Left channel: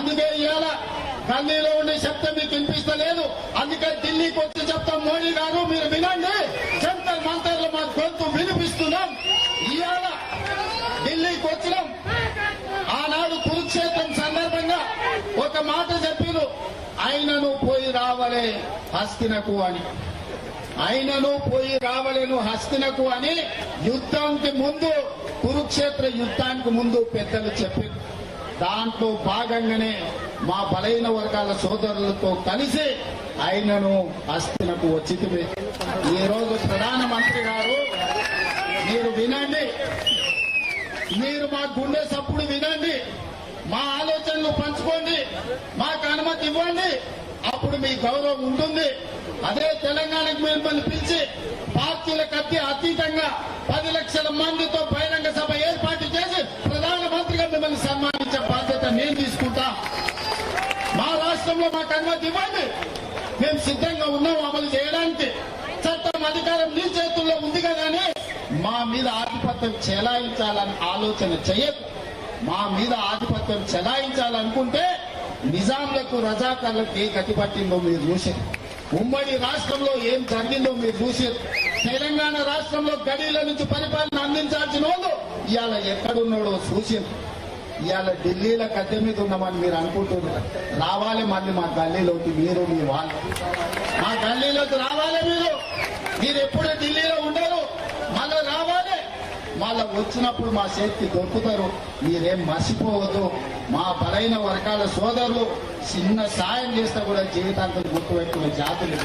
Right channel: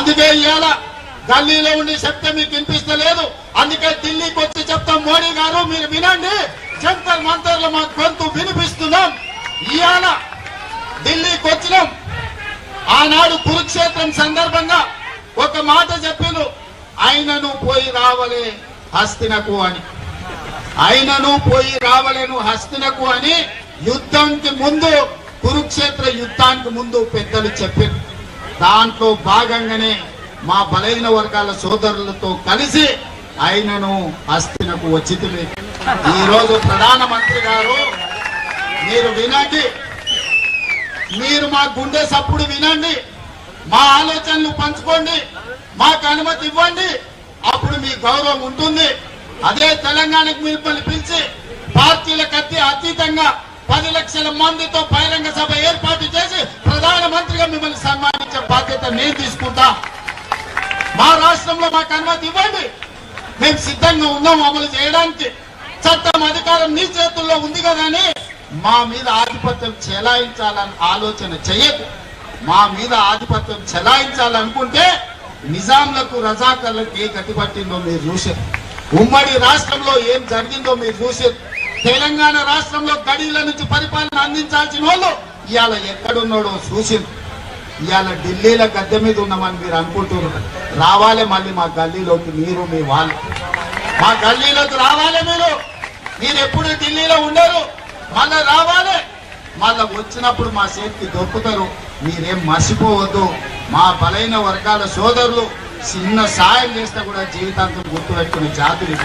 అందుకే ఇవాళ గల్లీలో ఉండి చెప్తే మీకు వినిపిస్తలేదు. అందుకే ఢిల్లీకి వచ్చి చెప్తాం, మోడీ గారు మీరు వినండి, జంతర్ మంతర్లో మా గొంతు వినిపిస్తున్నాం. ఇవాళ ఢిల్లీకి వచ్చినాం. ఆనాడు కురుక్షేత్రం సందర్భంగా ఒక మాట చెప్పిండు, ఆయనను పోయి రావలే హస్తినకు అని. ఆయనను పోయి రావలేను హస్తినకు అని యుద్ధానికి ముందు, కురుక్షేత్ర యుద్ధానికి ముందు పెద్దలు చెప్పారు. దాంట్లో భాగంగానే మా బలైన వర్గాల సోదరులతో కలిసి ఆయనను హస్తినకు వచ్చింది. ఈ రోజు ప్రధానమంత్రి గారు మీరు వినండి, మీరు మా గుండె సప్పుడు వినండి, మా ఆలోచనలు పంచుకోండి, మాకు అనుమతి ఇవ్వండి, అప్పుడు మీ గౌరవం ఉంటుంది. అదే తెలంగాణకు మిమ్మల్ని పిలిచి పార్టీలకు అతీతంగా 10 లక్షల మందితో బహిరంగ సభ ఏర్పాటు చేసి ప్రధానమంత్రిగా మిమ్మల్ని సన్మానించే బాధ్యత నేను తీసుకుంటా. మా రాష్ట్రంలో మాకు అనుమతి ఇవ్వండి, మేము సిద్ధంగా ఉన్నాం అమలు చేయడానికి. చట్టం అధికారం నీ చేతుల్లో ఉంది కదా అని మా మీద ఆధిపత్యం చెలాయించాలని ఆలోచన చెయ్యదు. మా మీద ఆధిపత్యం చెలాయించాలనుకుంటే నిజాంలకు రజాకర్లకు ఏ గతి పట్టిందో మీరు చూసారు. ఉమ్మడి రాష్ట్రంలో ఏం జరిగిందో మీరు చూసారు. తెలంగాణ రాష్ట్రంలో గడీల నుంచి పరిపాలన అందించాల్సిన వాళ్ళు ఇవాళ ఎక్కడున్నాడో చూసారు. ఇవాళ ఢిల్లీలో గద్దె మీద ఉన్నామని మీరు అనుకుంటున్నారు. రావాలి మళ్ళీ మా గల్లీలోకి, మీరు మీ వాళ్ళు మా గల్లీలోకి రావాలి. మీరు ఎప్పుడు ఢిల్లీలో ఉండరు, మళ్ళా రావాలి. మళ్ళా వచ్చినప్పుడు మా చేతికి దొరుకుతారు. మీరేం మర్చిపోవద్దు. మా బలైన వర్గాల సోదరులు చిన్న సాయం చేస్తే కూడా జీవితాంతం గుర్తుపెట్టుకునే జాతులు.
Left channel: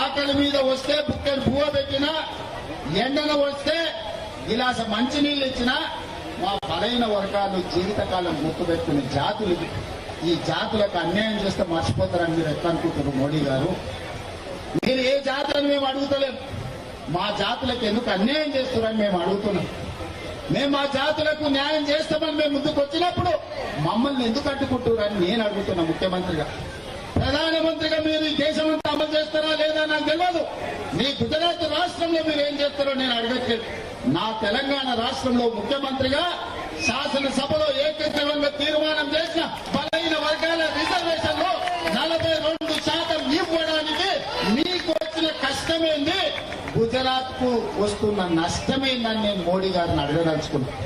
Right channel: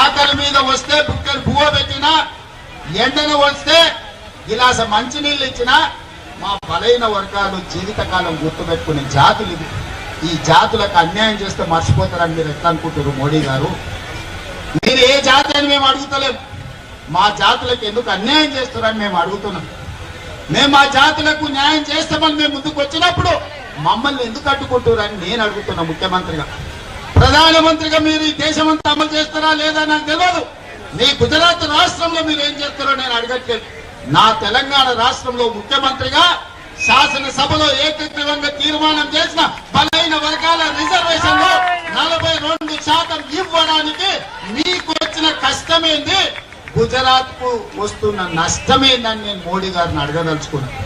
ఆకలి మీద వస్తే బుక్కలు పువ్వు పెట్టినా, ఎండన వస్తే గిలాస మంచినీళ్ళు ఇచ్చినా మా బలైన వర్గాలు జీవితకాలం గుర్తుపెట్టుకునే జాతులు ఇది. ఈ జాతులకు అన్యాయం చేస్తే మర్చిపోతారని మీరు ఎట్లా అనుకుంటారు మోడీ గారు? మీరు ఏ జాతి అని మేము అడుగుతలేము, మా జాతులకు ఎందుకు అన్యాయం చేస్తారని మేము అడుగుతున్నాం. మేము మా జాతులకు న్యాయం చేస్తామని మేము ముందుకు వచ్చినప్పుడు మమ్మల్ని ఎందుకు అడ్డుకుంటారని నేను అడుగుతున్నా. ముఖ్యమంత్రిగా, ప్రధానమంత్రిగా మీరు ఈ దేశమంతా అమలు చేస్తారా లేదా నాకు తెలియదు. మీ గుజరాత్ రాష్ట్రంలో మీరు ఏం చేస్తారో నేను అడగట్లేదు. నా తెలంగాణ రాష్ట్రంలో ముఖ్యమంత్రిగా శాసనసభలో ఏకగ్రీవంగా తీర్మానం చేసిన బలైన వర్గాల రిజర్వేషన్ లో 42% ఇవ్వడానికి మీకు వచ్చిన కష్టమేంది, గుజరాత్ కు వస్తున్న నష్టమేందని నేను మోడీ గారిని అడగదలుచుకున్నాను.